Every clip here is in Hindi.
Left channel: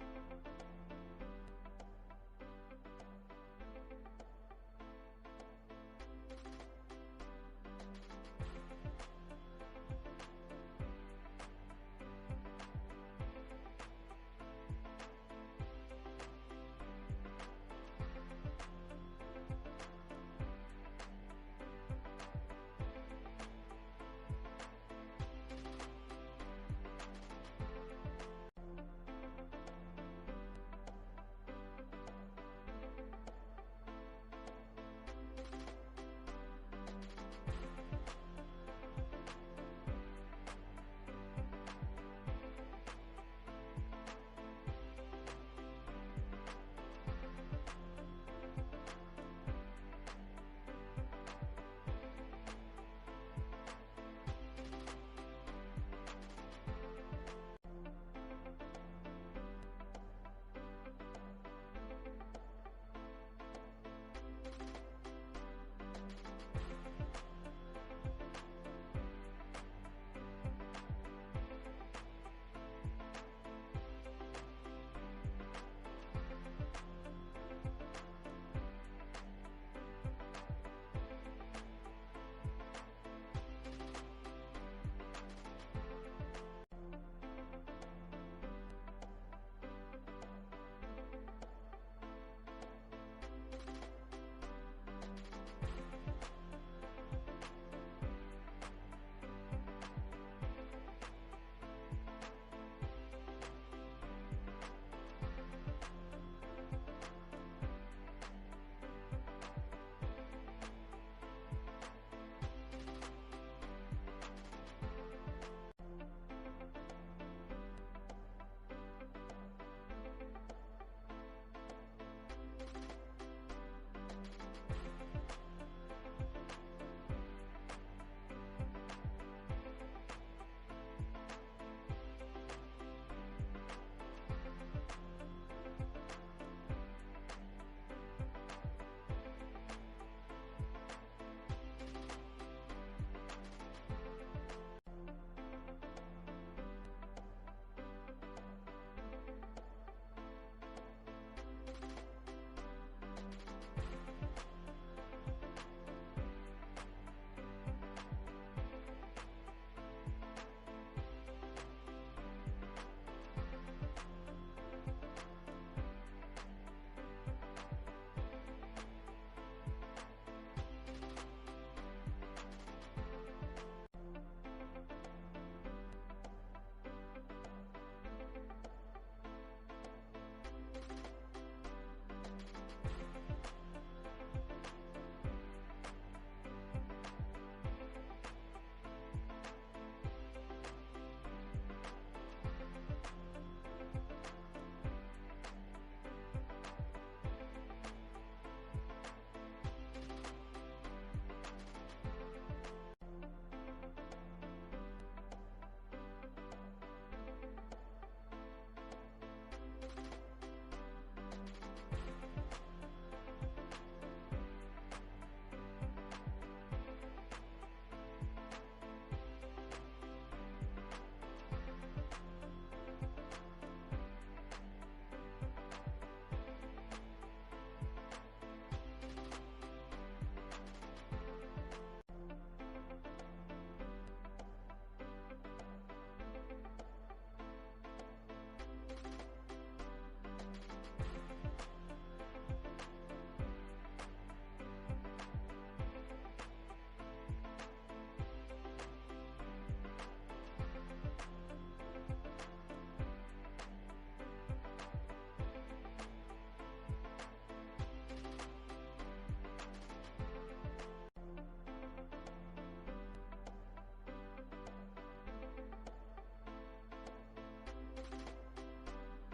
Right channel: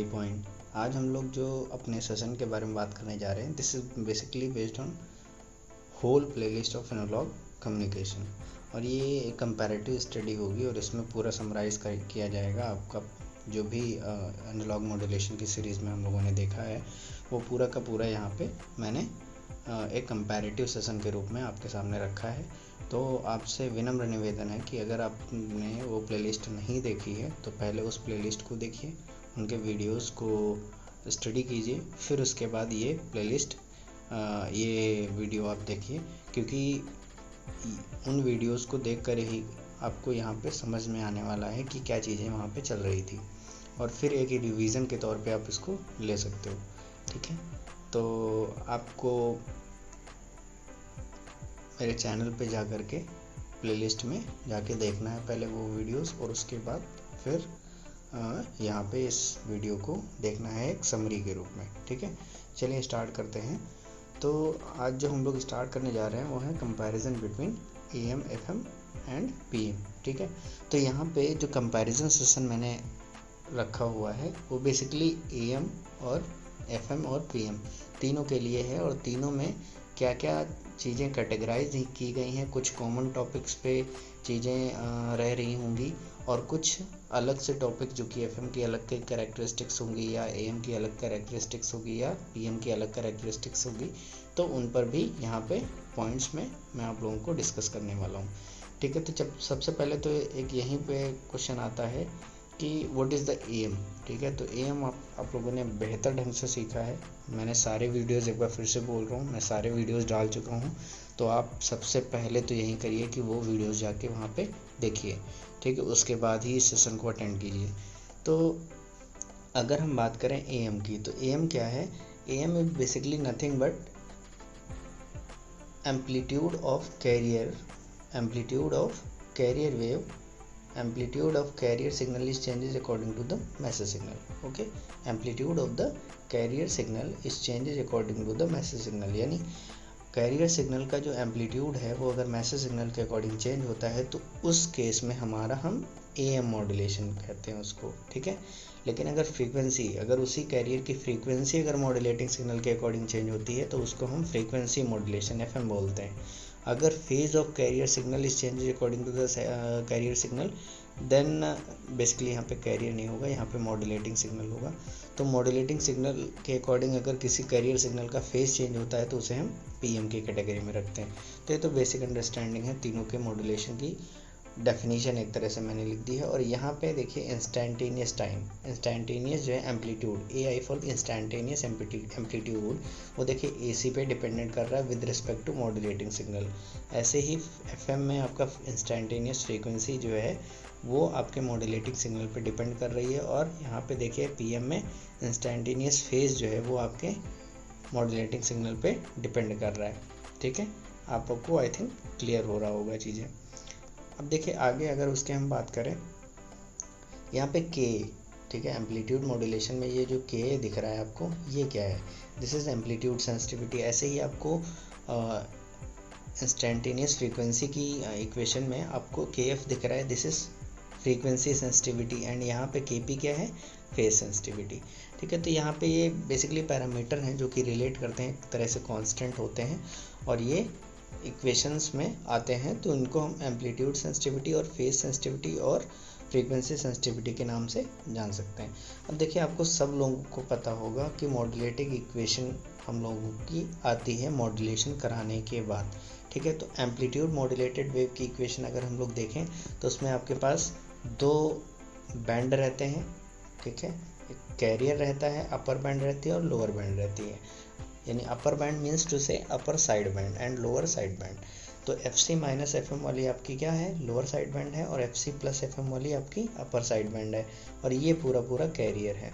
यही पॉइंट। आज हम लोग जो अपने सेशन के बारे में बात करने जा रहे हैं, this is basically based on whole playlist of analog communication, और ये एक कंपैरेटिव स्टडी होगी और इसमें पूरा समराइज़ किया जाएगा आपका जो भी एनालॉग मॉड्यूलेशन की सीरीज़ में हम लोगों ने देखा है वो पूरा का पूरा यहाँ पे मैंने एक कंपैरेटिव सेशन के रूप में आपके सामने रखा है। तो आपसे विनम्र निवेदन है कि अगर आपने वो प्लेलिस्ट नहीं देखी है तो पहले उस प्लेलिस्ट को देखिए, उनके वीडियोस को स्टडी कीजिए, फिर उसके बाद ये प्लेलिस्ट ये वीडियो आप देखिए, क्योंकि उन वीडियोस को देखकर ही आपको यहाँ पे समझ में आने वाला है कि क्या चीज़ें वहाँ पे चल रही थी, और फिर एक रिवीजन के तौर पे आप इसको ले सकते हो। ठीक है, तो आपको मेरे चैनल पे जा कर के प्लेलिस्ट में जाके देखना है पहले वो वीडियोस, और उसके बाद फिर यहाँ पे इस वीडियो को देखना है एक समरी के रूप में। ठीक है, चलिए स्टार्ट करते हैं। तो आज जो हम लोग स्टार्ट करने जा रहे हैं वो है comparison between AM, FM and PM। ठीक है, तो यहाँ पे जो कंपैरिजन सेशन मैंने रखा हुआ है वो बेसिकली AM और FM और PM तीनों के लिए है, और तीनों में क्या क्या चीज़ें कैटेगराइज की गई हैं, कुछ कॉमन टॉपिक्स पे चीज़ें रह रही होंगी, और कुछ अलग से टॉपिक जो कि FM की अलग के कैरेक्टरिस्टिक्स होंगी, या AM की अलग कैरेक्टरिस्टिक्स होगी, या PM की अलग कैरेक्टरिस्टिक्स होगी, तो उन पर भी यहाँ पे पॉइंट्स में मैं आप लोगों को डिस्कस करने वाला हूँ। ठीक है, तो जब सबसे पहले तो एक यहीं पे क्वेश्चन आता है कि व्हाट इज़ द AM। ठीक है, तो AM आप लोगों ने बेहतर ढंग से सीखा है। मैंने सारे वीडियोस, एक बार फिर से बोल रहा हूँ, मैं सारे वीडियोस डाल चुका हूँ, तो आप सबसे पहले तो यही करिए कि वो वीडियोस जाके वहाँ पे देखिए। ठीक है, उसके बाद ही इस सेशन को अटेंड कीजिए। तो अगर हम बात करें AM की, तो AM क्या है? AM is basically nothing but amplitude of carrier wave, amplitude of carrier signal is changes according to the message signal. Okay, amplitude of the carrier signal is changes according to the message signal, यानी कैरियर सिग्नल का जो एम्पलीट्यूड है वो अगर मैसेज सिग्नल के अकॉर्डिंग चेंज होता है तो उस केस में हम AM मॉड्यूलेशन कहते हैं उसको। ठीक है, लेकिन अगर फ्रीक्वेंसी, अगर उसी कैरियर की फ्रीक्वेंसी अगर मॉड्यूलेटिंग सिग्नल के अकॉर्डिंग चेंज होती है तो उसको हम फ्रीक्वेंसी मॉड्यूलेशन FM बोलते हैं। अगर phase of carrier signal is change according to the carrier signal, then basically यहाँ पे कैरियर नहीं होगा, यहाँ पे मॉड्यूलेटिंग सिग्नल होगा। तो मॉड्यूलेटिंग सिग्नल के अकॉर्डिंग अगर किसी कैरियर सिग्नल का फेज चेंज होता है तो उसे हम PM की कैटेगरी में रखते हैं। तो ये तो बेसिक अंडरस्टैंडिंग है तीनों के मॉड्यूलेशन की, डेफिनेशन एक तरह से मैंने लिख दी है। और यहाँ पे देखिए इंस्टेंटेनियस टाइम, इंस्टेंटेनियस जो है amplitude, AI for instantaneous amplitude, वो देखिए AC पे डिपेंडेंट कर रहा है with respect to modulating signal. ऐसे ही FM में आपका इंस्टेंटेनियस फ्रीक्वेंसी जो है वो आपके मॉड्यूलेटिंग सिग्नल पे डिपेंड कर रही है, और यहाँ पे देखिए PM में इंस्टेंटेनियस फेज जो है वो आपके मॉड्यूलेटिंग सिग्नल पे डिपेंड कर रहा है। ठीक है, आपको आई थिंक क्लियर हो रहा होगा चीज़ें। अब देखिए आगे अगर उसके हम बात करें, यहाँ पे K, ठीक है, एम्पलीट्यूड मॉड्यूलेशन में ये जो K दिख रहा है आपको, ये क्या है? This is amplitude sensitivity. ऐसे ही आपको इंस्टेंटेनियस फ्रीक्वेंसी की इक्वेशन में आपको KF दिख रहा है, this is frequency sensitivity, and यहाँ पे KP क्या है? Phase sensitivity. ठीक है, तो यहाँ पे ये बेसिकली पैरामीटर हैं जो कि रिलेट करते हैं, एक तरह से कांस्टेंट होते हैं, और ये इक्वेशंस में आते हैं, तो इनको हम एम्पलीट्यूड सेंसिटिविटी और फेज सेंसिटिविटी और फ्रीक्वेंसी सेंसिटिविटी के नाम से जान सकते हैं। अब देखिए आपको सब लोगों को पता होगा कि मॉड्यूलेटिंग इक्वेशन हम लोगों की आती है मॉड्यूलेशन कराने के बाद। ठीक है, तो एम्पलीट्यूड मॉड्यूलेटेड वेव की इक्वेशन अगर हम लोग देखें तो उसमें आपके पास दो बैंड रहते हैं। ठीक है, कैरियर रहता है, अपर बैंड रहती है और लोअर बैंड रहती है, यानी अपर बैंड मीन्स टू से upper side band and lower side band. तो FC माइनस FM वाली आपकी क्या है? लोअर साइड बैंड है, और FC प्लस FM वाली आपकी अपर साइड बैंड है, और ये पूरा कैरियर है।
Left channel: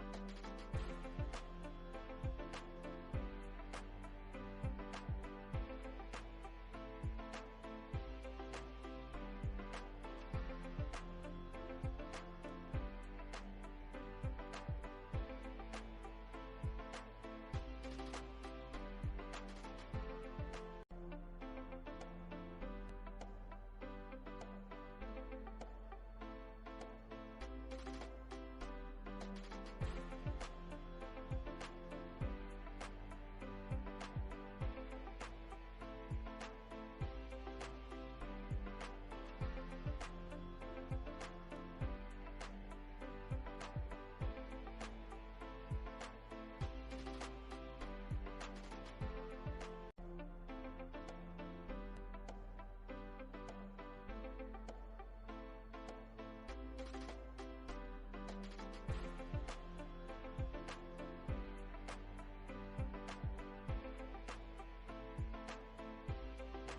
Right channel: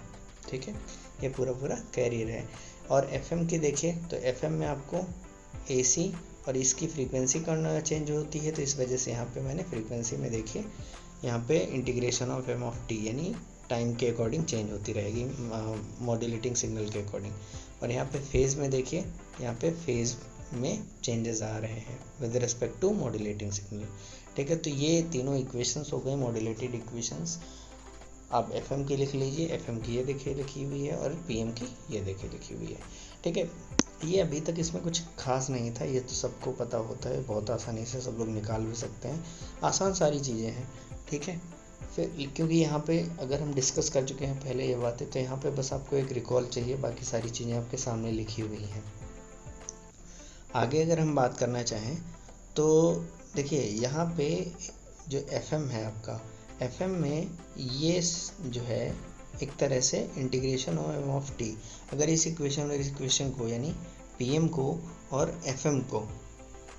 ठीक है, ये पूरा कैरियर है। और FM की देखिए तो FM में आपको AC और इसकी फ्रीक्वेंसी करना चेंज होती है, तो इस वजह से यहाँ पे मैंने फ्रीक्वेंसी में देखिए यहाँ पे integration of M of T, यानी टाइम के अकॉर्डिंग चेंज होती रहेगी मॉड्यूलेटिंग सिग्नल के अकॉर्डिंग। और यहाँ पे फेज में देखिए, यहाँ पे फेज में चेंजेस आ रहे हैं with respect to modulating signal. ठीक है, तो ये तीनों इक्वेशंस हो गए मॉड्यूलेटेड इक्वेशंस। आप FM की लिख लीजिए, FM की ये देखिए लिखी हुई है और PM की ये देखिए लिखी हुई है, ठीक है। ये अभी तक इसमें कुछ खास नहीं था, ये तो सबको पता होता है, बहुत आसानी से सब लोग निकाल भी सकते हैं, आसान सारी चीज़ें हैं, ठीक है। फिर क्योंकि यहाँ पे अगर हम डिस्कस कर चुके हैं पहले ये बातें, तो यहाँ पे बस आपको एक रिकॉल चाहिए, बाकी सारी चीज़ें आपके सामने लिखी हुई हैं। आगे अगर हम बात करना चाहें तो देखिए यहाँ पे जो FM है आपका, FM में ये जो है एक तरह से इंटीग्रेशन ऑफ टी, अगर इस इक्वेशन को यानी PM को और FM को,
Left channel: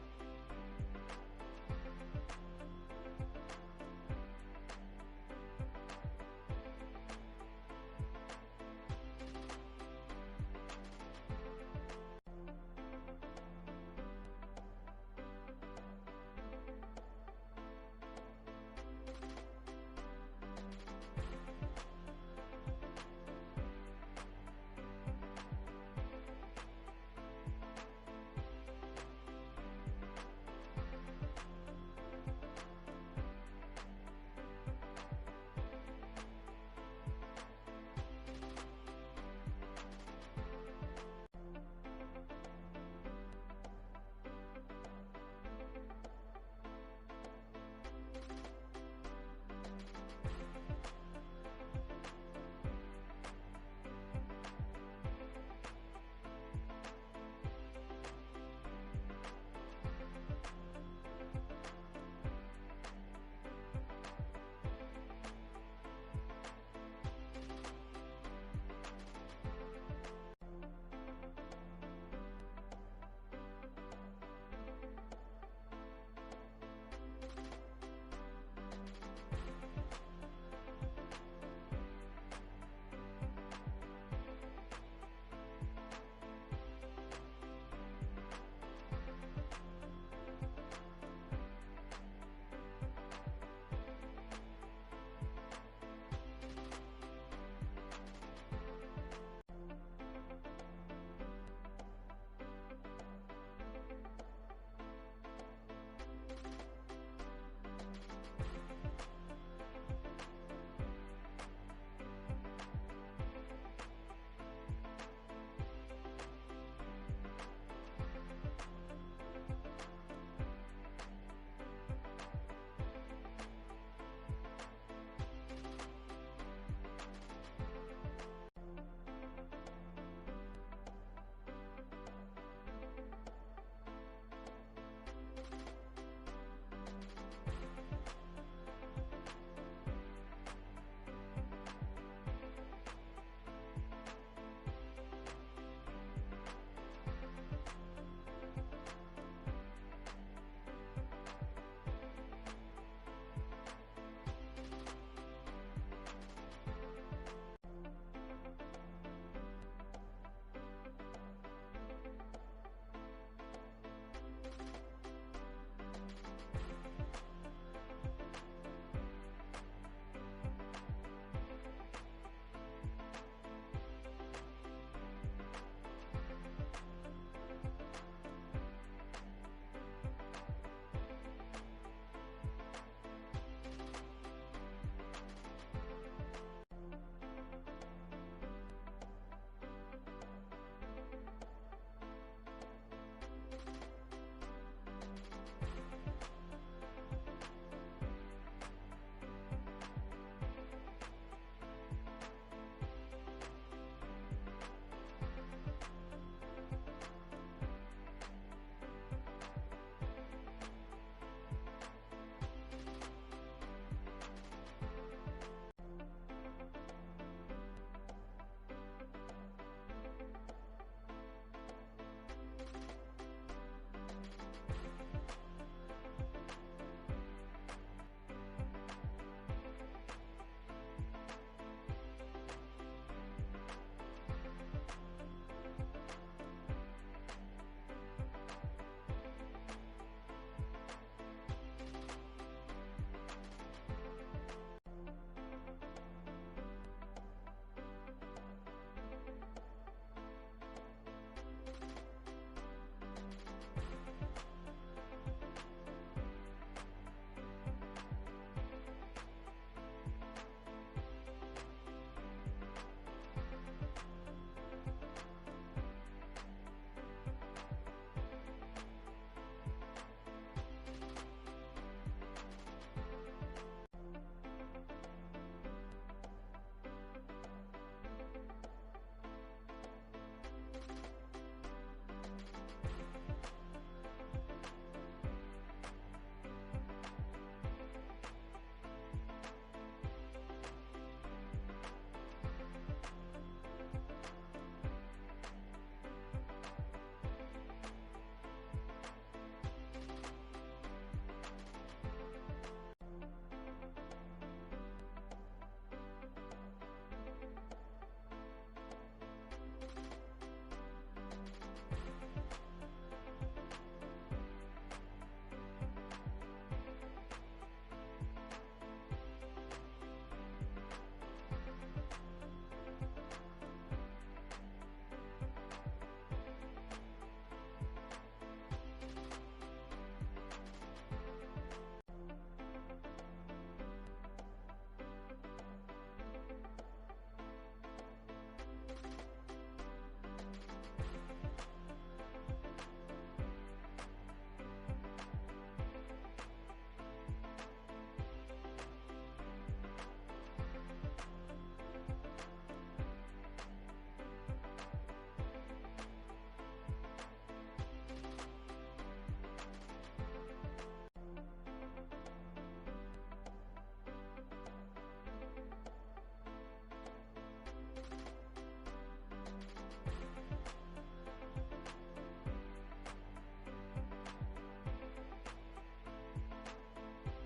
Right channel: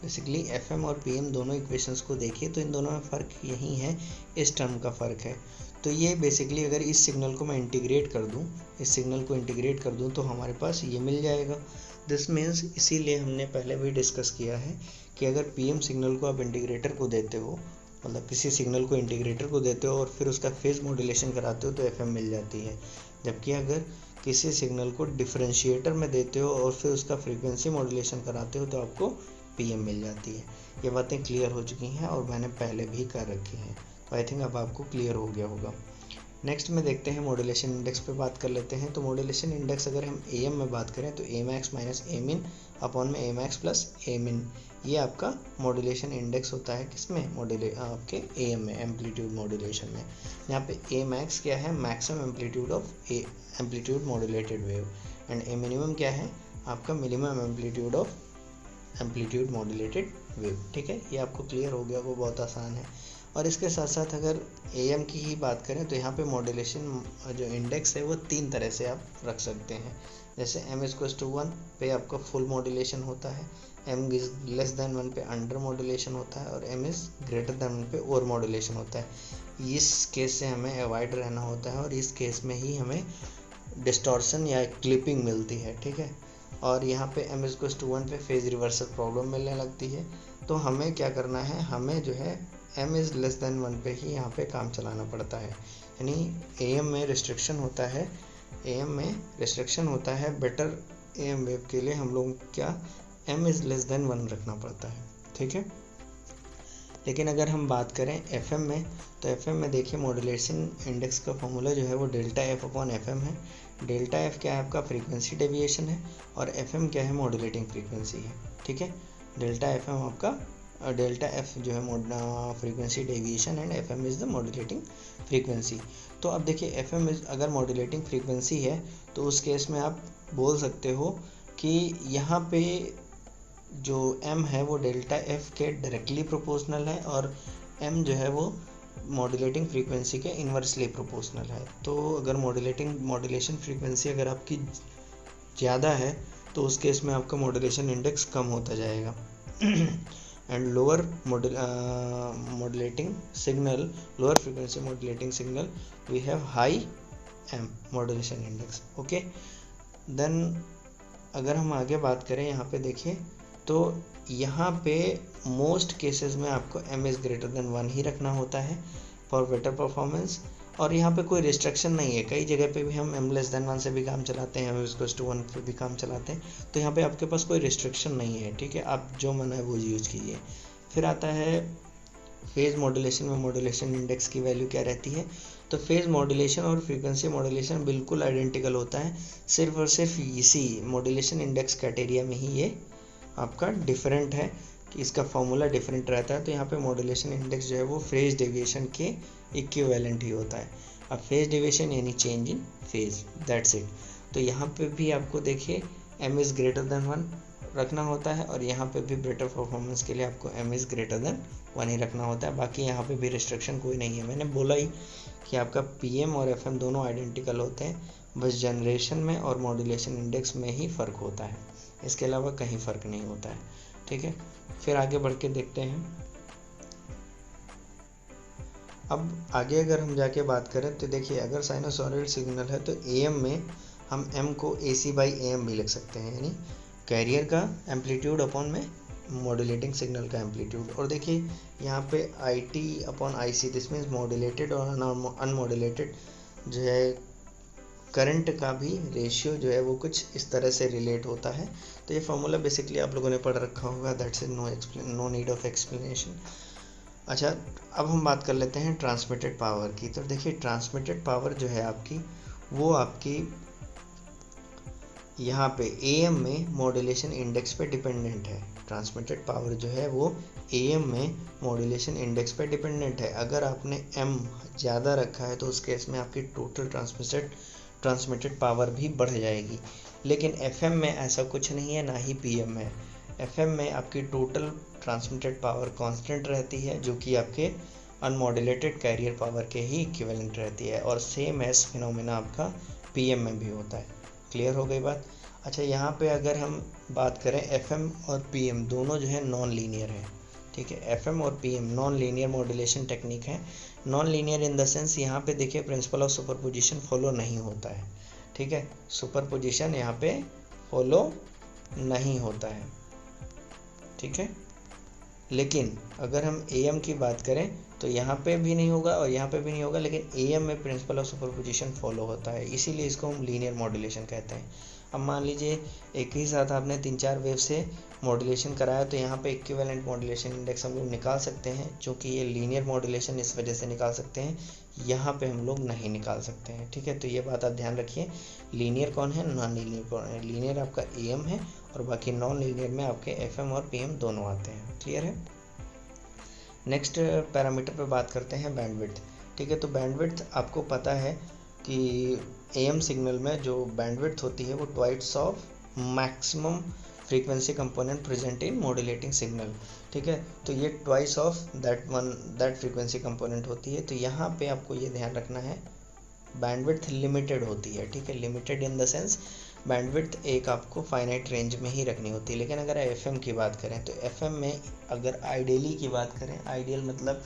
बेसिकली FM और PM दोनों इक्वेशंस को देखिए तो इन दोनों में फ़र्क यही है, इस टर्म का फ़र्क है। तो ये बेसिकली अगर इस सिग्नल को मैं इंटीग्रेट कर दूं, इस सिग्नल को इंटीग्रेट कर दूं तो हमारे पास ये मिल जाएगा। दिस मीन्स, इसीलिए हमने पहले भी डिस्कस किया है कि अगर PM सिग्नल को आप इंटीग्रेटर को देते हो, मतलब किसी सिग्नल को इंटीग्रेटर को देते हो और फिर उसका फेज मॉड्यूलेशन कराते हो तो FM मिल जाती है। जबकि अगर किसी सिग्नल को डिफरेंशिएटर में देते हो और फिर उसका फ्रीक्वेंसी मॉड्यूलेशन कराते हो तो आपको PM मिल जाती है। ये बातें क्लियर हो चुकी हैं और मैंने पहले भी कर रखी हैं, आई थिंक अब आपको क्लियर हो गया होगा। नेक्स्ट में देखते हैं मॉड्यूलेशन इंडेक्स पे बात कर लेते हैं। तो मॉड्यूलेशन इंडेक्स अगर हम AM में बात करें तो Amax माइनस Amin अपॉन में Amax प्लस Amin, ये आपका मॉड्यूलेशन इंडेक्स होता है किसमें, आपके AM में, एम्पलीट्यूड मॉड्यूलेशन में। यहाँ पे Amax क्या है, maximum amplitude of amplitude modulated wave, and A minimum क्या है, आपका minimum amplitude of amplitude modulated wave, ठीक है। ये आपको क्लियर हो गया, वो बहुत आसान है। और इसके साथ साथ अगर AM की ही बात करें तो यहाँ पे मॉड्यूलेशन जो इंडेक्स है वो 3 तरह से आप रख सकते हैं। जैसे m=1 पे आपका फुल मॉड्यूलेशन होता है, m<1 पे अंडर मॉड्यूलेशन होता है और m<1 पे ओवर मॉड्यूलेशन होता है। इस केस से हमें अवॉइड रहना होता है और इस केस में ही हमें डिस्टॉर्शन या क्लिपिंग मिलती है, ठीक है। और यहाँ पे m=1 पे फेज रिवर्सल प्रॉब्लम मिलने लगती है। तो हमें क्या करना है, हमें जो है m<1 पे ही यहाँ पे काम चलाना पड़ता है। यानी AM में रिस्ट्रिक्शन होता है, AM में रिस्ट्रिक्शन होता है, बेटर AM वेव के लिए हम लोग क्या m<1 रखना पड़ता है, ठीक है। लेकिन अगर हम बात करें FM में तो FM में देखिए मॉड्यूलेशन इंडेक्स का फॉर्मूला जो है वो ΔF/FM है। ΔF क्या है, आपका फ्रीक्वेंसी डेविएशन है और FM क्या है, मॉड्यूलेटिंग फ्रीक्वेंसी है, ठीक है। ΔFM आपका ΔF जो है frequency deviation and FM is the modulating frequency. तो अब देखिए FM अगर मॉड्यूलेटिंग फ्रीक्वेंसी है तो उस केस में आप बोल सकते हो कि यहाँ पे जो M है वो ΔF के डायरेक्टली प्रोपोर्शनल है और M जो है वो मॉड्यूलेटिंग फ्रीक्वेंसी के इन्वर्सली प्रोपोर्शनल है। तो अगर मॉड्यूलेशन फ्रीक्वेंसी अगर आपकी ज़्यादा है तो उस केस में आपका मॉड्यूलेशन इंडेक्स कम होता जाएगा and lower modulating signal, lower frequency modulating signal we have high M modulation index, okay. Then अगर हम आगे बात करें यहाँ पे देखिए तो यहाँ पे मोस्ट केसेस में आपको m>1 ही रखना होता है फॉर बेटर परफॉर्मेंस, और यहाँ पे कोई रिस्ट्रिक्शन नहीं है। कई जगह पे भी हम m<1 से भी काम चलाते हैं, m=1 पे भी काम चलाते हैं, तो यहाँ पे आपके पास कोई रिस्ट्रिक्शन नहीं है, ठीक है। आप जो मन है वो यूज़ कीजिए। फिर आता है फेज मॉड्यूलेशन में मॉड्यूलेशन इंडेक्स की वैल्यू क्या रहती है। तो फेज मॉड्यूलेशन और फ्रीक्वेंसी मॉड्यूलेशन बिल्कुल आइडेंटिकल होता है, सिर्फ और सिर्फ इसी मॉड्यूलेशन इंडेक्स क्राइटेरिया में ही ये आपका डिफरेंट है कि इसका फॉर्मूला डिफरेंट रहता है। तो यहाँ पे मॉड्यूलेशन इंडेक्स जो है वो फेज डेविएशन के इक्विवेलेंट ही होता है। अब फेज डेविएशन यानी change in phase, that's it. तो यहाँ पे भी आपको देखिए m>1 रखना होता है और यहाँ पे भी बेटर परफॉर्मेंस के लिए आपको m>1 ही रखना होता है। बाकी यहाँ पे भी रिस्ट्रिक्शन कोई नहीं है। मैंने बोला ही कि आपका PM और FM दोनों आइडेंटिकल होते हैं, बस जनरेशन में और मॉड्यूलेशन इंडेक्स में ही फ़र्क होता है, इसके अलावा कहीं फ़र्क नहीं होता है, ठीक है। फिर आगे बढ़ के देखते हैं। अब आगे अगर हम जाके बात करें तो देखिए अगर साइनोसॉइडल सिग्नल है तो AM में हम M को AC/AM भी लिख सकते हैं, यानी कैरियर का एम्पलीट्यूड अपॉन में मॉड्यूलेटिंग सिग्नल का एम्पलीट्यूड। और देखिए यहाँ पे IT/IC, दिस मीन्स मॉड्यूलेटेड और अनमॉड्यूलेटेड जो है करंट का भी रेशियो जो है वो कुछ इस तरह से रिलेट होता है। तो ये फॉर्मूला बेसिकली आप लोगों ने पढ़ रखा होगा, that's is no need of explanation. अच्छा, अब हम बात कर लेते हैं ट्रांसमिटेड पावर की। तो देखिए ट्रांसमिटेड पावर जो है आपकी, वो आपकी यहाँ पे एएम में मॉड्यूलेशन इंडेक्स पे डिपेंडेंट है। ट्रांसमिटेड पावर जो है वो एएम में मॉड्यूलेशन इंडेक्स पे डिपेंडेंट है। अगर आपने एम ज़्यादा रखा है तो उस केस में आपकी टोटल ट्रांसमिटेड पावर भी बढ़ जाएगी। लेकिन एफएम में ऐसा कुछ नहीं है, ना ही पीएम में। एफएम में आपकी टोटल ट्रांसमिटेड पावर कांस्टेंट रहती है, जो कि आपके अनमॉड्यूलेटेड कैरियर पावर के ही इक्विवेलेंट रहती है, और सेम एस फिनोमेना आपका पीएम में भी होता है। क्लियर हो गई बात। अच्छा, यहाँ पे अगर हम बात करें एफएम और पीएम दोनों जो है नॉन लीनियर है। ठीक है, एफएम और PM non linear modulation technique है। Non linear in the sense यहाँ पे देखिए प्रिंसिपल ऑफ सुपरपोजिशन फॉलो नहीं होता है। ठीक है, सुपरपोजिशन यहाँ पे फॉलो नहीं होता है। ठीक है, लेकिन अगर हम एएम की बात करें तो यहाँ पे भी नहीं होगा और यहाँ पे भी नहीं होगा, लेकिन एएम में प्रिंसिपल ऑफ सुपरपोजिशन फॉलो होता है, इसीलिए इसको हम लीनियर मॉड्यूलेशन कहते हैं। अब मान लीजिए एक ही साथ आपने 3-4 वेव से मॉड्यूलेशन कराया, तो यहाँ पे इक्विवेलेंट मॉड्यूलेशन इंडेक्स हम लोग निकाल सकते हैं। चूँकि ये लीनियर मॉड्यूलेशन इस वजह से निकाल सकते हैं, यहाँ पे हम लोग नहीं निकाल सकते हैं। ठीक है, तो ये बात आप ध्यान रखिए। लीनियर कौन है, नॉन लीनियर कौन है। लीनियर आपका एएम है और बाकी नॉन लीनियर में आपके एफएम और पीएम दोनों आते हैं। क्लियर है। नेक्स्ट पैरामीटर पे बात करते हैं बैंडविड्थ। ठीक है, तो बैंडविड्थ आपको पता है कि एएम सिग्नल में जो बैंडविड्थ होती है वो twice of maximum frequency component present in modulating signal. ठीक है, तो ये twice of that frequency component होती है। तो यहाँ पे आपको ये ध्यान रखना है, बैंडविड्थ लिमिटेड होती है। ठीक है, limited in the sense bandwidth एक आपको फाइनाइट रेंज में ही रखनी होती है। लेकिन अगर एफएम की बात करें तो एफएम में अगर आइडियली की बात करें, आइडियल मतलब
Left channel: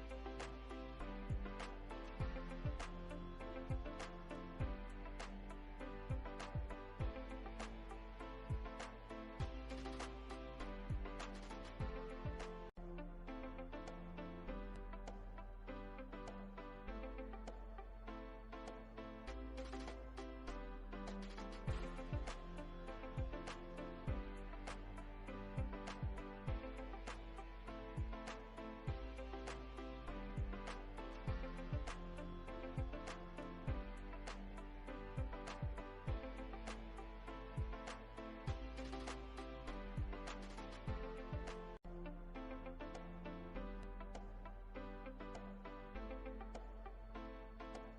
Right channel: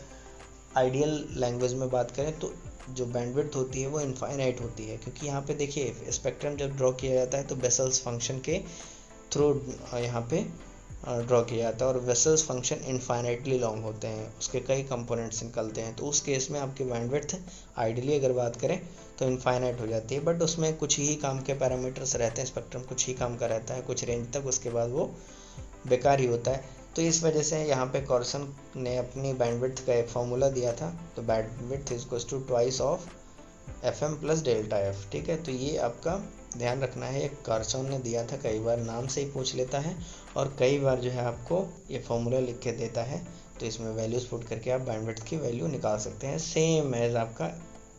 आइडियल लैंग्वेज में बात करें, तो जो बैंडविड्थ होती है वो इनफाइनाइट होती है। क्योंकि यहाँ पे देखिए स्पेक्ट्रम जब ड्रॉ किया जाता है तो बेसल्स फंक्शन के थ्रू यहाँ पे ड्रॉ किया जाता है, और वेसल्स फंक्शन इनफाइनाइटली लॉन्ग होते हैं, उसके कई कंपोनेंट्स निकलते हैं। तो उस केस में आपकी बैंडविड्थ आइडियली अगर बात करें तो इनफाइनाइट हो जाती है, बट उसमें कुछ ही काम के पैरामीटर्स रहते हैं, स्पेक्ट्रम कुछ ही काम का रहता है कुछ रेंज तक, उसके बाद वो बेकार ही होता है। तो इस वजह से यहाँ पे कॉर्सन ने अपनी बैंडविड्थ का एक फार्मूला दिया था, तो bandwidth is equals to twice of FM plus delta F. ठीक है, तो ये आपका ध्यान रखना है, कॉर्सन ने दिया था, कई बार नाम से ही पूछ लेता है और कई बार जो है आपको ये फार्मूला लिख के देता है, तो इसमें वैल्यूज पुट करके आप बैंडविड्थ की वैल्यू निकाल सकते हैं, सेम एज आपका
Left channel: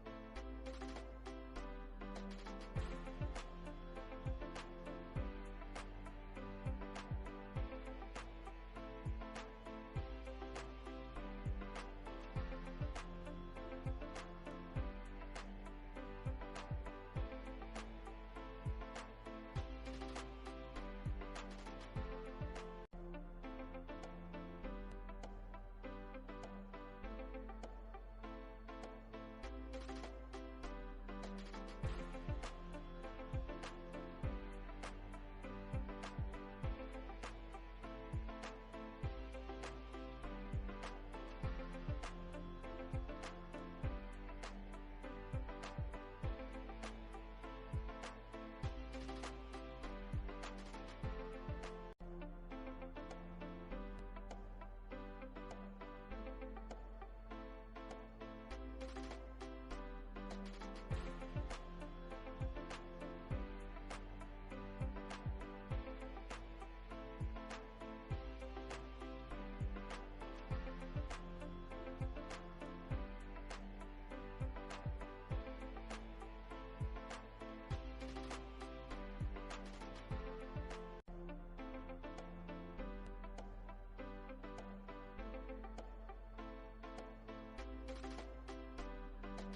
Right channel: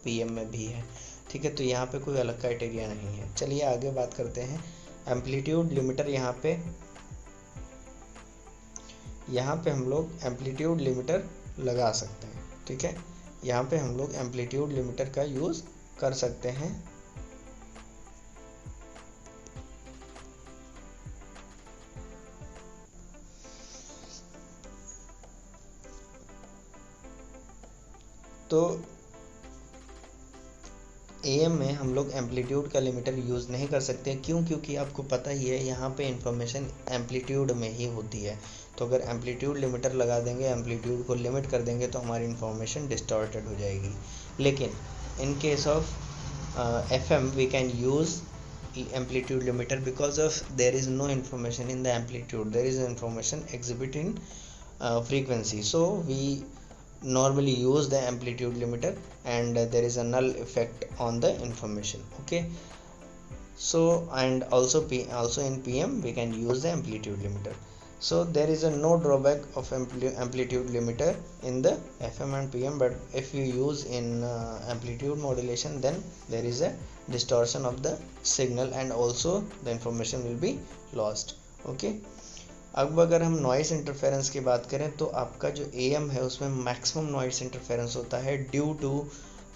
पीएम में भी है। ठीक है, तो यहाँ पे कोई अलग क्राइटेरिया नहीं है। चलिए आगे बात करते हैं एम्पलीट्यूड लिमिटर। यहाँ पे हम लोग एम्पलीट्यूड लिमिटर लगा सकते हैं। ठीक है, यहाँ पे हम लोग एम्पलीट्यूड लिमिटर का यूज़ कर सकते हैं। तो एएम में हम लोग एम्पलीट्यूड का लिमिटर यूज़ नहीं कर सकते। क्यों? क्योंकि आपको पता ही है यहाँ पे इंफॉर्मेशन एम्पलीट्यूड में ही होती है। तो अगर एम्पलीट्यूड लिमिटर लगा देंगे, एम्पलीट्यूड को लिमिट कर देंगे, तो हमारी इंफॉर्मेशन डिस्टॉर्टेड हो जाएगी। लेकिन in case of FM we can use amplitude limiter because of there is no information in the amplitude, there is information exhibit in frequency, so we normally use the amplitude limiter, and there is a null effect on the information. Okay, so and also in PM we can use the amplitude limiter. So there is a no drawback of amplitude limiter in the FM and PM, but if you use in amplitude modulation, then there is a distortion of the signal and also the information will be lost. Okay, अब अगर हम नॉइस इंटरफेरेंस की बात करें तो आपका जो AM है उसमें मैक्सिमम नॉइस इंटरफेरेंस होता है ड्यू टू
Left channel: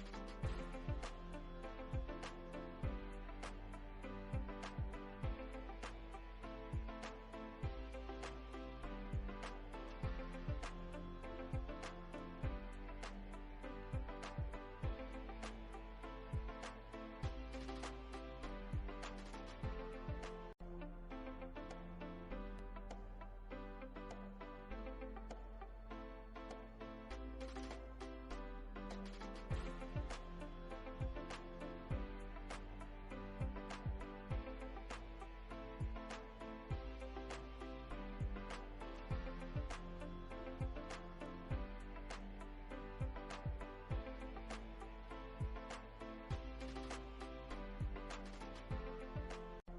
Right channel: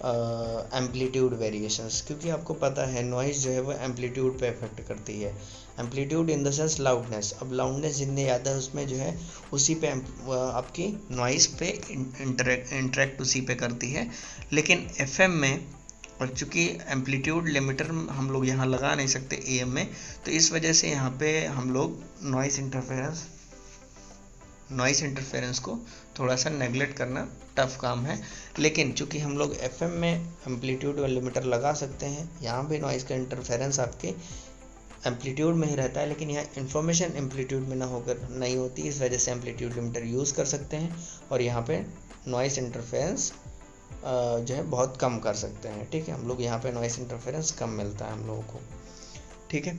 एम्पलीट्यूड वेरिएशंस, क्योंकि आपको पता है नॉइस जो है वो एम्पलीट्यूड पे इफेक्ट करती है। Amplitude in the sense loudness, अब लाउडनेस जितनी ज़्यादा है उसमें जो है उसी पे आपकी नॉइस पे इंटरेक्ट उसी पे करती है। लेकिन FM में, और चूँकि एम्पलीट्यूड लिमिटर हम लोग यहाँ लगा नहीं सकते AM में, तो इस वजह से यहाँ पे हम लोग नॉइस इंटरफेरेंस को थोड़ा सा नेगलेक्ट करना टफ काम है। लेकिन चूँकि हम लोग FM में एम्पलीट्यूड लिमिटर लगा सकते हैं, यहाँ भी नॉइस का इंटरफेरेंस आपके एम्पलीट्यूड में ही रहता है, लेकिन यहाँ इन्फॉर्मेशन एम्पलीट्यूड में नहीं होती, इस वजह से एम्पलीट्यूड लिमिटर यूज़ कर सकते हैं और यहाँ पे नॉइस इंटरफेरेंस जो है बहुत कम कर सकते हैं। ठीक है, हम लोग यहाँ पे नॉइस इंटरफेरेंस कम मिलता है हम लोगों को। ठीक है,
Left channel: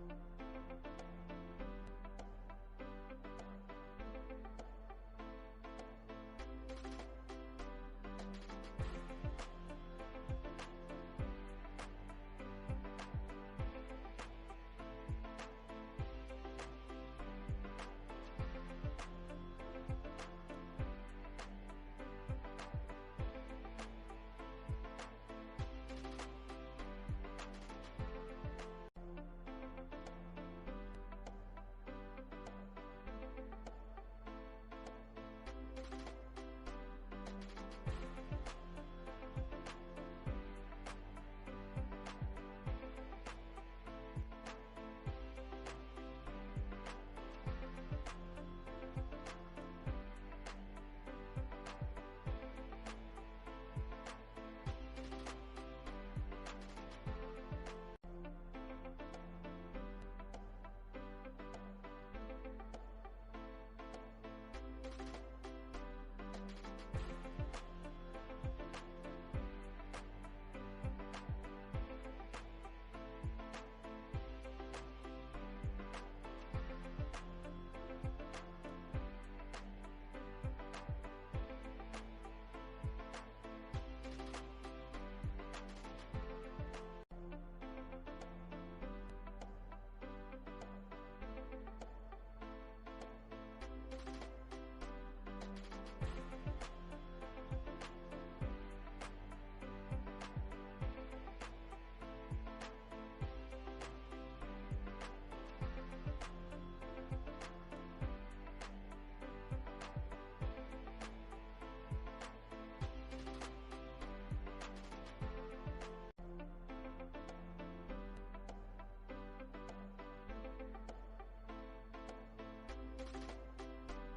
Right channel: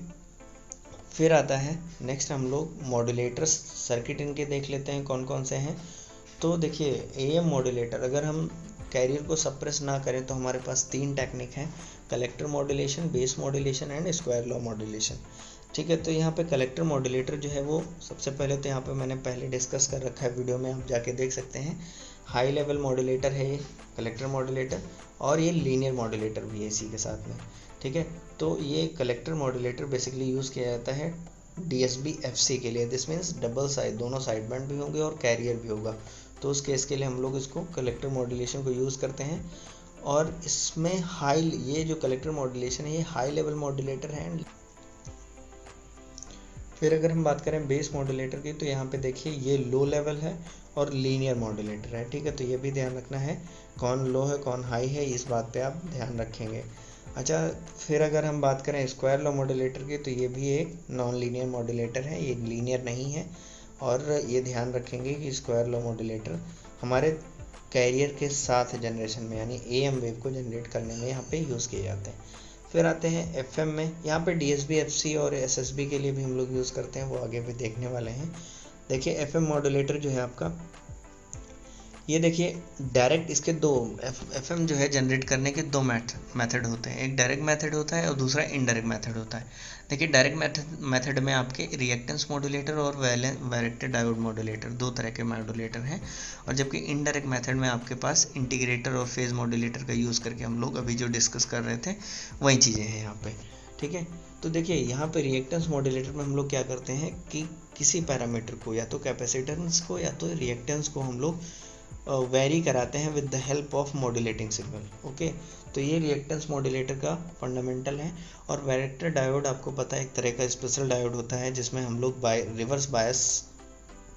फिर आता है नेक्स्ट हम लोग मॉड्यूलेटर्स सर्किट इनके देख लेते हैं कौन कौन से हैं। तो देखिए एएम मॉड्यूलेटर, अगर हम कैरियर को सप्रेस ना करें तो हमारे पास 3 टेक्निक हैं, collector modulation, base modulation and square law modulation. ठीक है, तो यहाँ पे कलेक्टर मॉड्यूलेटर जो है वो सबसे पहले तो यहाँ पे मैंने पहले डिस्कस कर रखा है वीडियो में, आप जाके देख सकते हैं। हाई लेवल मॉड्यूलेटर है ये कलेक्टर मॉड्यूलेटर, और ये लीनियर मॉड्यूलेटर भी है इसी के साथ में। ठीक है, तो ये कलेक्टर मॉड्यूलेटर बेसिकली यूज़ किया जाता है DSB FC के लिए। दिस मीन्स डबल साइड, दोनों साइड बैंड भी होंगे और कैरियर भी होगा, तो उस केस के लिए हम लोग इसको कलेक्टर मॉड्यूलेशन को यूज़ करते हैं। और इसमें ये जो कलेक्टर मॉड्यूलेशन है ये हाई लेवल मॉड्यूलेटर है। फिर अगर हम बात करें बेस मॉड्यूलेटर की, तो यहाँ पे देखिए ये लो लेवल है और लीनियर मॉड्यूलेटर है। ठीक है, तो ये भी ध्यान रखना है, कौन लो है कौन हाई है, इस बात पे आप ध्यान रखेंगे। अच्छा, फिर अगर हम बात करें स्क्वायर लॉ मॉड्यूलेटर की, तो ये भी एक नॉन लीनियर मॉड्यूलेटर है, ये लीनियर नहीं है। और ये ध्यान रखेंगे कि स्क्वायर लॉ मॉड्यूलेटर हमारे कैरियर के साथ जनरेशन में यानी AM वेव को जनरेट करने में यहाँ पे यूज़ किए जाते हैं। फिर आते हैं FM में, यहाँ पे DSB FC और SSB के लिए भी हम लोग यूज़ करते हैं, वो आगे भी देखने वाले हैं। देखिए FM मॉड्यूलेटर जो है आपका, ये देखिए डायरेक्ट इसके दो FM जो है जनरेट करने के 2 मेथड होते हैं, एक डायरेक्ट मेथड होता है और दूसरा इनडायरेक्ट मेथड होता है। देखिए डायरेक्ट मेथड में आपके रिएक्टेंस मॉड्यूलेटर और वैरेक्टर डायोड मॉड्यूलेटर 2 तरह के मॉड्यूलेटर हैं, और जबकि इनडायरेक्ट मेथड में आपके पास इंटीग्रेटर और फेज मॉड्यूलेटर का यूज़ करके हम लोग अभी जो डिस्कस कर रहे थे वही चीज़ें हैं यहाँ पे। ठीक है, तो देखिए यहाँ पे रिएक्टेंस मॉड्यूलेटर में हम लोग क्या करते हैं कि किसी पैरामीटर को, या तो कैपेसिटेंस को या तो रिएक्टेंस को हम लोग वेरी कराते हैं with the help of modulating signal. Okay, तो ये रिएक्टेंस मॉड्यूलेटर का फंडामेंटल है। और वैरेक्टर डायोड आपको पता है एक तरह का स्पेशल डायोड होता है जिसमें हम लोग रिवर्स बायस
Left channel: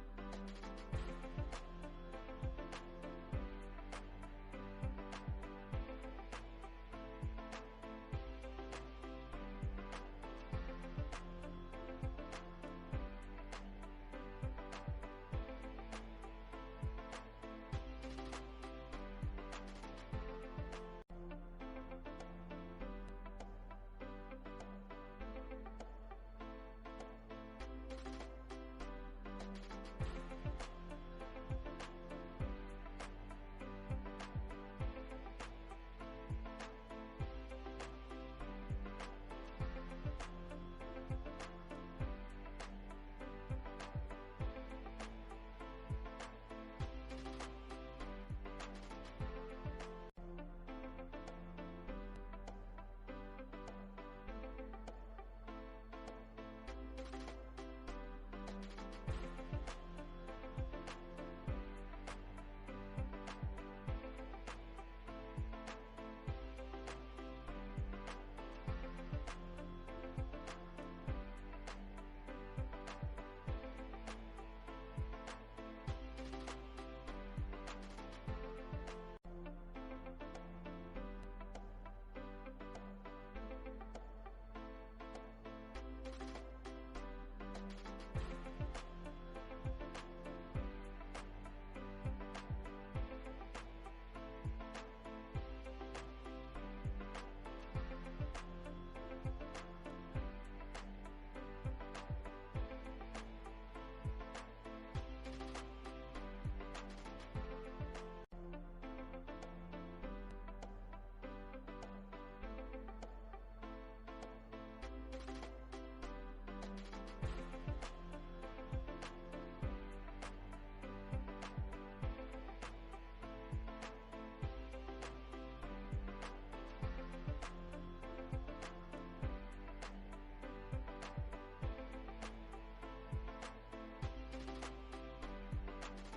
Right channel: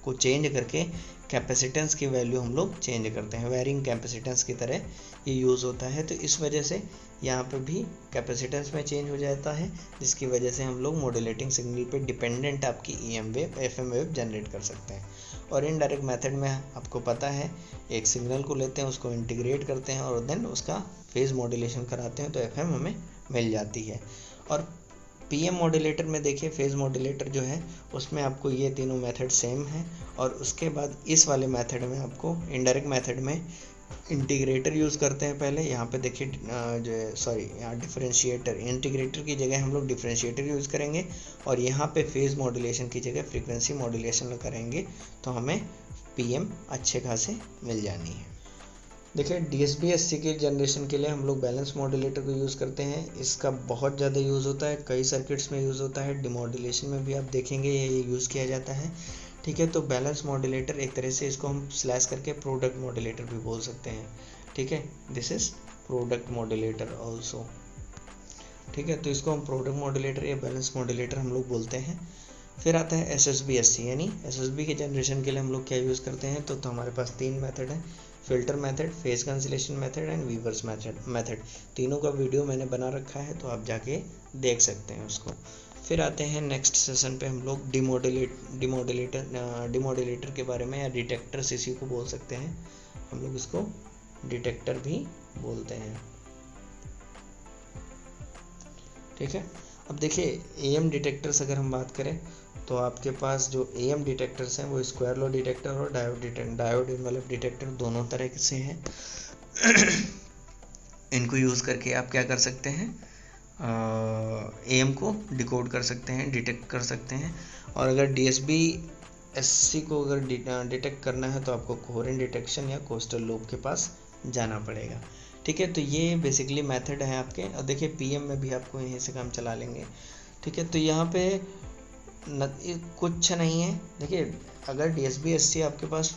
को चेंज करके कैपेसिटेंस की वैल्यू हम लोग चेंज करते हैं, वेरिंग कैपेसिटेंस की तरह ये यूज़ होता है। तो इस वजह से यहाँ पे भी कैपेसिटेंस में चेंज हो जाता है, जिसकी वजह से हम लोग मॉड्यूलेटिंग सिग्नल पे डिपेंडेंट आपकी EM wave FM wave generate कर सकते हैं। और इनडायरेक्ट मेथड में आपको पता है एक सिग्नल को लेते हैं, उसको इंटीग्रेट करते हैं और देन उसका फेज मॉड्यूलेशन कराते हैं, तो FM हमें मिल जाती है। और PM मॉड्यूलेटर में देखिए फेज मॉड्यूलेटर जो है उसमें आपको ये तीनों मेथड सेम है, और उसके बाद इस वाले मेथड में आपको इनडायरेक्ट मेथड में इंटीग्रेटर यूज़ करते हैं पहले। यहाँ पे देखिए यहाँ डिफरेंशिएटर, इंटीग्रेटर की जगह हम लोग डिफरेंशिएटर यूज़ करेंगे, और यहाँ पे फेज मॉड्यूलेशन की जगह फ्रीक्वेंसी मॉड्यूलेशन करेंगे, तो हमें PM अच्छे खासे मिल जानी है। देखिए DSB SC की जनरेशन के लिए हम लोग बैलेंस मॉड्यूलेटर को यूज़ करते हैं, इसका बहुत ज़्यादा यूज़ होता है, कई सर्किट्स में यूज़ होता है, डिमॉड्यूलेशन में भी आप देखेंगे ये यूज़ किया जाता है। ठीक है, तो बैलेंस मॉड्यूलेटर एक तरह से इसको हम स्लैश करके प्रोडक्ट मॉड्यूलेटर भी बोल सकते हैं। ठीक है, this is product modulator also. ठीक है, तो इसको हम प्रोडक्ट मॉड्यूलेटर या बैलेंस मॉड्यूलेटर हम लोग बोलते हैं। फिर आता है SSB SC, यानी SSB के जनरेशन के लिए हम लोग क्या यूज़ करते हैं, तो हमारे पास 3 मेथड है, filter method, phase cancellation method and Weaver's method. तीनों का वीडियो मैंने बना रखा है, तो आप जाके देख सकते हैं उसको। फिर आते हैं नेक्स्ट सेशन पे हम लोग डिमॉड्यूलेटर के बारे में, या डिटेक्टर्स इसी को बोल सकते हैं, हम लोग इसको डिटेक्टर भी बोलते हैं। ठीक है, अब देखिए AM डिटेक्टर्स अगर हम बात करें तो आपके पास जो AM डिटेक्टर्स हैं वो स्क्वायर लॉ डिटेक्टर और डायोड इन्वेलप डिटेक्टर दोनों तरह से हैं। इनको यूज़ करके आप क्या कर सकते हैं, AM को डिकोड कर सकते हैं, डिटेक्ट कर सकते हैं। और अगर DSB SC को अगर डिटेक्ट करना है तो आपको कोहेरेंट डिटेक्शन या कोस्टल लूप के पास जाना पड़ेगा। ठीक है, तो ये बेसिकली मेथड है आपके। और देखिए PM में भी आपको यहीं से काम चला लेंगे। ठीक है, तो यहाँ पे कुछ नहीं है। देखिए अगर DSB SC आपके पास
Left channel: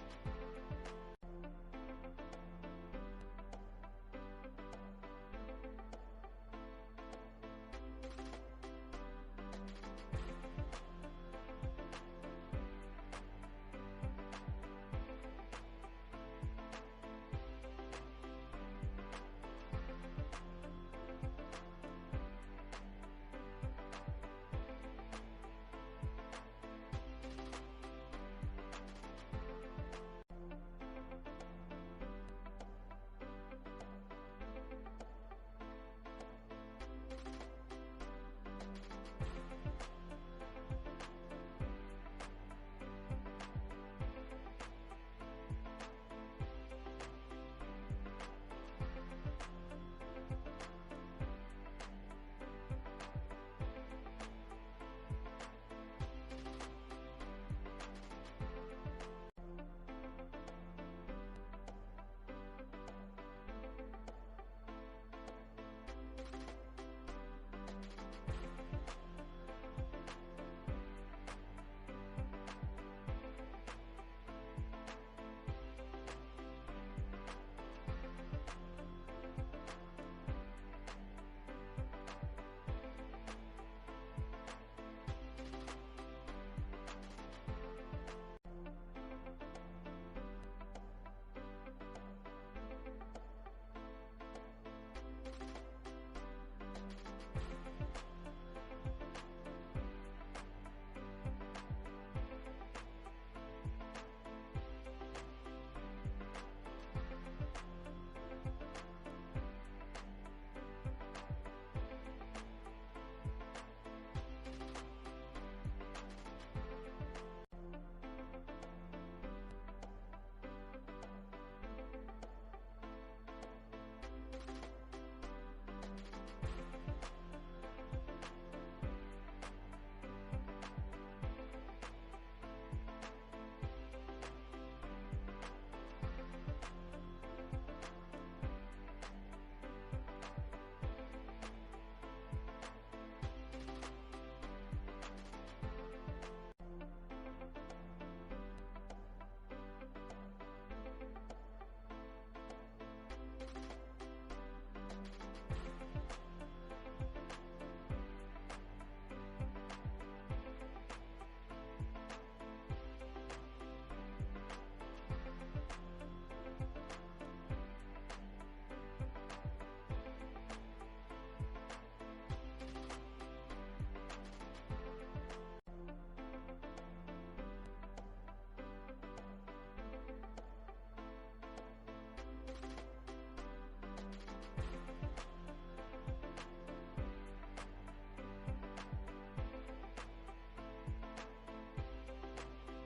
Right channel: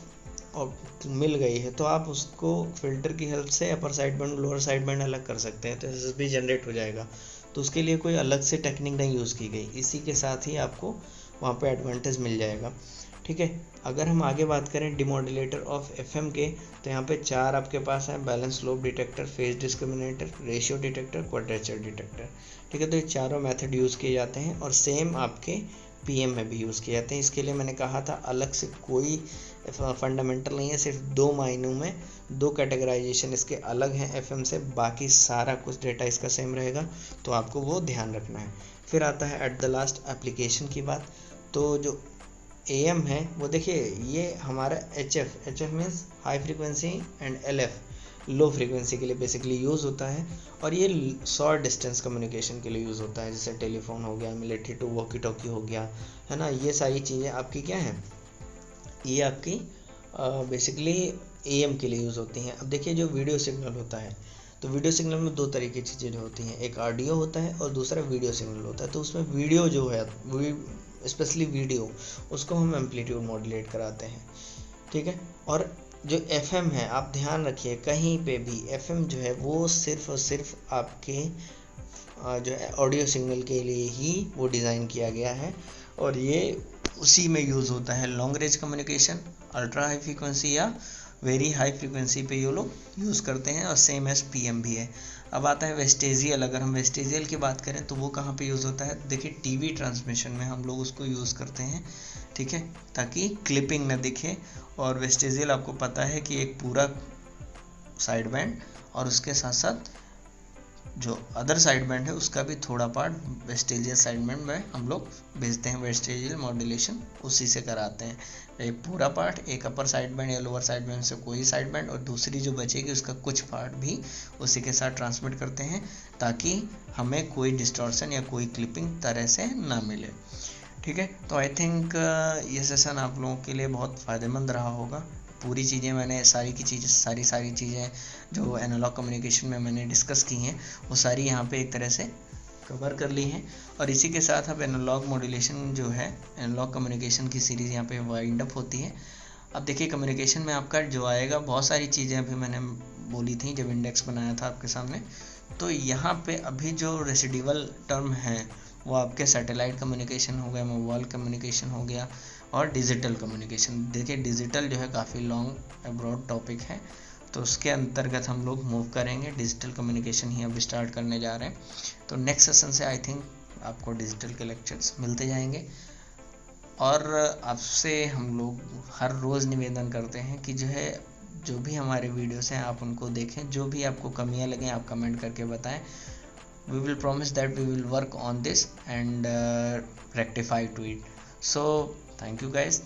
मिल गई है तो आप उसको फिल्टर की हेल्प से upper side band lower side band अलग कर सकते हैं, तो SSB जनरेट हो जाएगा। तो उसके लिए कोई अलग से टेक्निक नहीं यूज़ की गई, इसी के साथ ही आपको वहाँ पे एडवांटेज मिल जाएगा। ठीक है। अगर हम आगे बात करें डिमोडुलेटर ऑफ एफएम के, तो यहाँ पे 4 आपके पास है, balance slope detector, phase discriminator, ratio detector, quadrature detector. ठीक है, तो ये चारों मेथड यूज़ किए जाते हैं और सेम आपके पीएम में भी यूज़ किए जाते हैं। इसके लिए मैंने कहा था अलग से कोई फंडामेंटल नहीं है, सिर्फ 2 मायनों में 2 कैटेगराइजेशन इसके अलग हैं एफएम से, बाकी सारा कुछ डेटा इसका सेम रहेगा, तो आपको वो ध्यान रखना है। फिर आता है एट द लास्ट एप्लीकेशन की बात। तो जो एएम है वो देखिए, ये हमारा HF means high frequency and LF low frequency के लिए बेसिकली यूज़ होता है, और ये शॉर्ट डिस्टेंस कम्युनिकेशन के लिए यूज़ होता है, जैसे टेलीफोन हो गया, मिलिट्री टू वॉकी टॉकी हो गया, है ना। ये सारी चीज़ें आपकी क्या हैं, ये आपकी बेसिकली एएम के लिए यूज़ होती हैं। अब देखिए जो वीडियो सिग्नल होता है, तो वीडियो सिग्नल में 2 तरीके की चीज़ें होती हैं, एक ऑडियो होता है और दूसरा वीडियो सिग्नल होता है। तो उसमें वीडियो जो है, स्पेशली वीडियो, उसको हम एम्पलीट्यूड मॉड्यूलेट कराते हैं, ठीक है। और जो एफएम है, आप ध्यान रखिए कहीं पे भी एफएम जो है वो सिर्फ और सिर्फ आपके जो है ऑडियो सिग्नल के लिए ही वो डिज़ाइन किया गया है, और ये उसी में यूज़ होता है long range communication, ultra high frequency या वेरी हाई फ्रीक्वेंसी पे ये लोग यूज़ करते हैं, और सेम एज पीएम भी है। अब आता है वेस्टेजियल। अगर हम वेस्टेजियल की बात करें तो वो कहाँ पे यूज़ होता है, देखिए टीवी ट्रांसमिशन में हम लोग उसको यूज़ करते हैं, ठीक है, ताकि क्लिपिंग न दिखे। और वेस्टेजियल आपको पता है कि एक पूरा साइड बैंड और उसके साथ साथ जो अदर साइड बैंड है उसका भी थोड़ा पार्ट वेस्टेजियल साइड बैंड में हम लोग भेजते हैं। वेस्टेजियल मॉड्यूलेशन उसी से कराते हैं, एक पूरा पार्ट, एक अपर साइड बैंड या लोअर साइड बैंड से कोई साइड बैंड, और दूसरी जो बचेगी उसका कुछ पार्ट भी उसी के साथ ट्रांसमिट करते हैं, ताकि हमें कोई डिस्टॉर्शन या कोई क्लिपिंग तरह से ना मिले, ठीक है। तो आई थिंक ये सेशन आप लोगों के लिए बहुत फ़ायदेमंद रहा होगा। पूरी चीज़ें मैंने सारी चीज़ें जो एनालॉग कम्युनिकेशन में मैंने डिस्कस की हैं वो सारी यहाँ पे एक तरह से कवर कर ली हैं, और इसी के साथ अब एनालॉग मॉड्यूलेशन जो है, एनालॉग कम्युनिकेशन की सीरीज़ यहाँ पे वाइंड अप होती है। अब देखिए कम्युनिकेशन में आपका जो आएगा, बहुत सारी चीज़ें अभी मैंने बोली थी जब इंडेक्स बनाया था आपके सामने, तो यहाँ पे अभी जो रेसिडुअल टर्म है वो आपके सैटेलाइट कम्युनिकेशन हो गया, मोबाइल कम्युनिकेशन हो गया, और डिजिटल कम्युनिकेशन। देखिए डिजिटल जो है काफ़ी लॉन्ग ब्रॉड टॉपिक है, तो उसके अंतर्गत हम लोग मूव करेंगे, डिजिटल कम्युनिकेशन ही अब स्टार्ट करने जा रहे हैं। तो नेक्स्ट सेशन से आई थिंक आपको डिजिटल के लेक्चर्स मिलते जाएंगे, और आपसे हम लोग हर रोज़ निवेदन करते हैं कि जो भी हमारे वीडियोस हैं आप उनको देखें, जो भी आपको कमियां लगें आप कमेंट करके बताएं। We will promise that we will work on this and rectify to it. So thank you guys.